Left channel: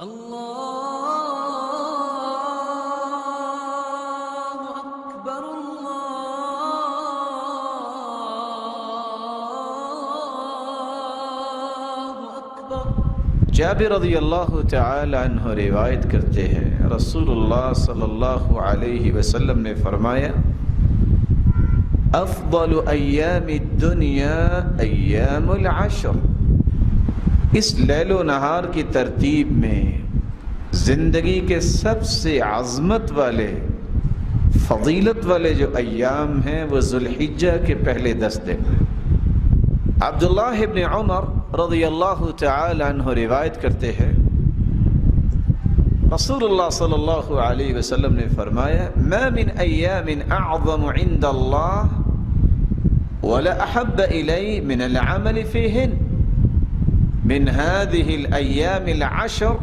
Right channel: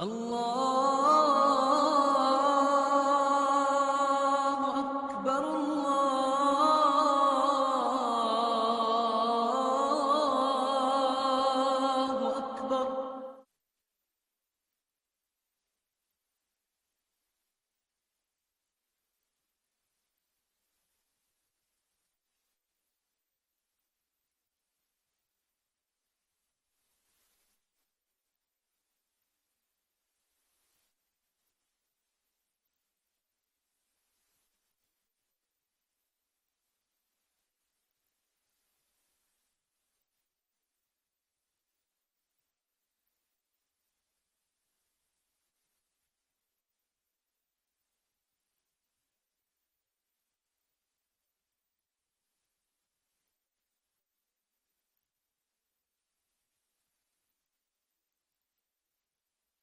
اللہ اکبر اللہ اکبر۔ جابر رضی اللہ تعالی عنہ روایت کرتے ہیں، رسول اللہ صلی اللہ علیہ وسلم نے فرمایا، افضل ایام الدنیا ایام العشر۔ اس لیل و نہار کی ترتیب میں زندگی کے سب سے عظمت والے، فضیلت والے جو ایام ہیں وہ ذوالحجہ کے پہلے 10 دن ہیں۔ عبداللہ ابن عمر رضی اللہ تعالی عنہ روایت کرتے ہیں، رسول اللہ صلی اللہ علیہ وسلم نے فرمایا، ما من ایام اعظم عند اللہ ولا احب الی من العمل فیہن من هذه الایام العشر۔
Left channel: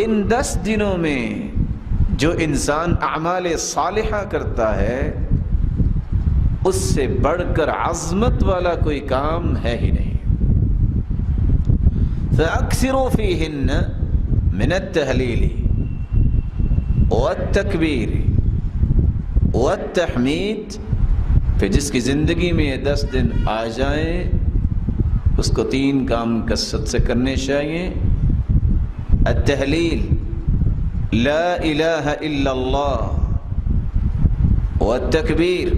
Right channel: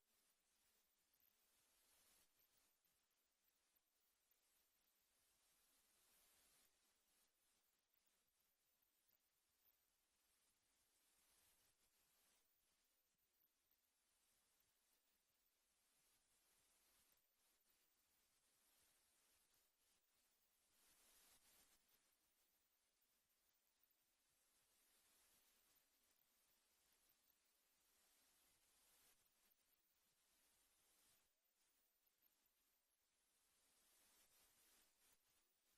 ان 10 دنوں میں جو انسان اعمال صالحہ کرتا ہے اس سے بڑھ کر عظمت والا کوئی کام ہے ہی نہیں۔ فاکثروا فیہن من التہلیل والتکبیر والتحمید۔ پھر جس کی زندگی میں یہ 10 دن آ جائیں اس کو 3 کام کثرت سے کرنے چاہیے۔ التہلیل، لا الہ الا اللہ، والتکبیر،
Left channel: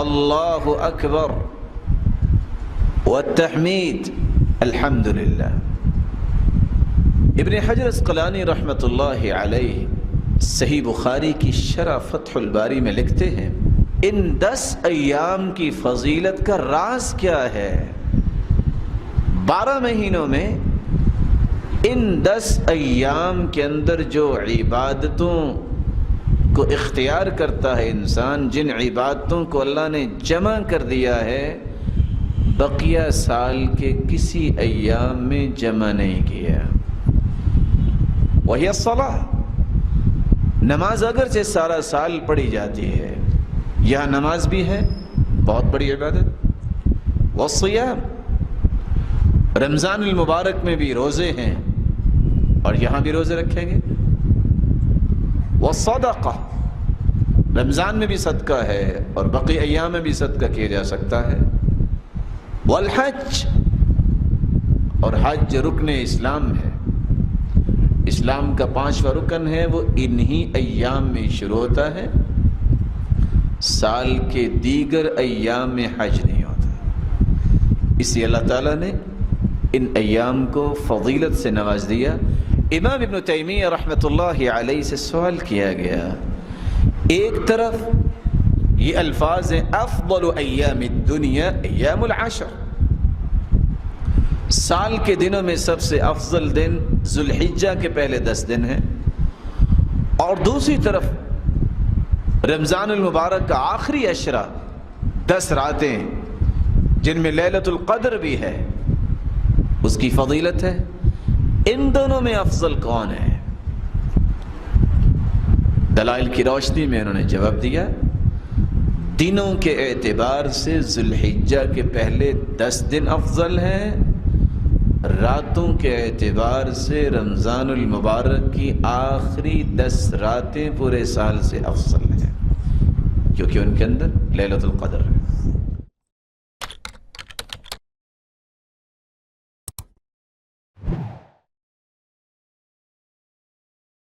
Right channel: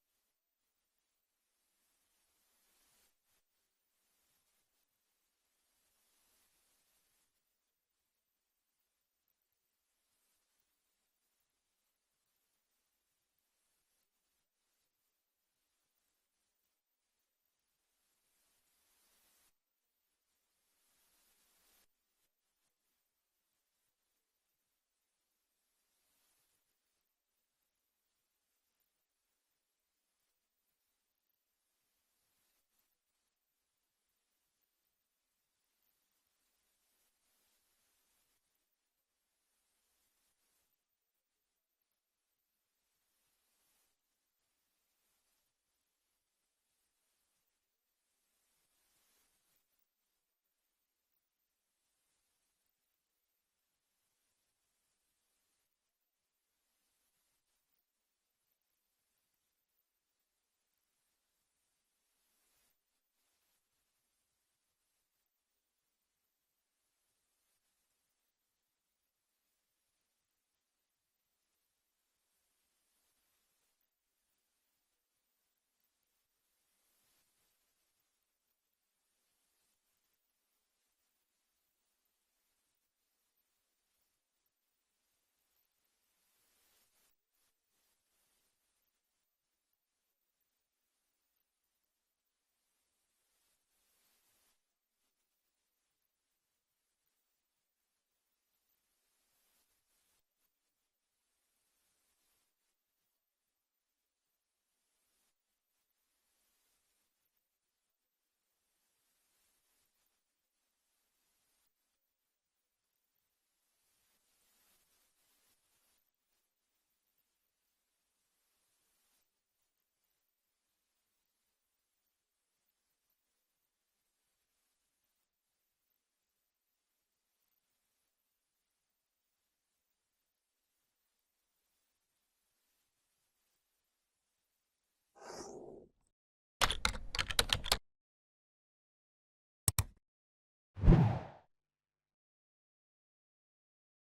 اللہ اکبر، والتحمید، الحمدللہ۔ ابن حجر عسقلانی رحمۃ اللہ علیہ صحیح بخاری کی شرح فتح الباری میں لکھتے ہیں، ان 10 ایام کی فضیلت کا راز کیا ہے؟ 12 مہینوں میں ان 10 ایام کے اندر جو عبادتوں کو اختیار کرتا ہے انسان، جن عبادتوں کو اللہ نے جمع کر دیا ہے، بقیہ سال کے کسی ایام میں جمع نہیں کیا۔ وہی الصلاۃ، نماز اگرچہ سارا سال پڑھی جاتی ہے، یہاں نماز بھی ہے بہت بڑی عبادت۔ والصیام، رمضان المبارک میں بھی روزے ہیں اور یہاں بھی روزے رکھیں گے۔ والصدقہ، رمضان میں بھی صدقہ ہے اور باقی ایام میں بھی صدقہ کیا جا سکتا ہے۔ والحج، اور حج رکن اسلام ہے، اسلام کا 5واں رکن ہے، وہ انہی ایام میں شروع ہوتا ہے، سال کے دیگر ایام میں حج نہیں ہوتا۔ اس لیے اللہ تعالیٰ نے ان ایام کو فضیلت سے نواز دیا۔ امام ابن تیمیہ رحمۃ اللہ علیہ سے سوال کیا گیا، ایک طرف یہ الفاظ ہیں افضل ایام الدنیا ایام العشر، سال کے دنوں میں سب سے افضل دن ذوالحجہ کے پہلے 10 دن ہیں، اور دوسری طرف رمضان المبارک کا آخری عشرہ 10 راتیں جن میں لیلۃ القدر بھی ہے، اس کی فضیلت ہے۔ ان دونوں میں افضل کون ہے؟ دلائل کی روشنی میں انہوں نے جواب دیا، دنوں کے اعتبار سے ذوالحجہ کے پہلے 10 دن افضل ہیں، راتوں کے اعتبار سے رمضان المبارک کی آخری 10 راتیں پورے سال سے افضل ہیں، کیونکہ ان کے اندر لیلۃ القدر ہے۔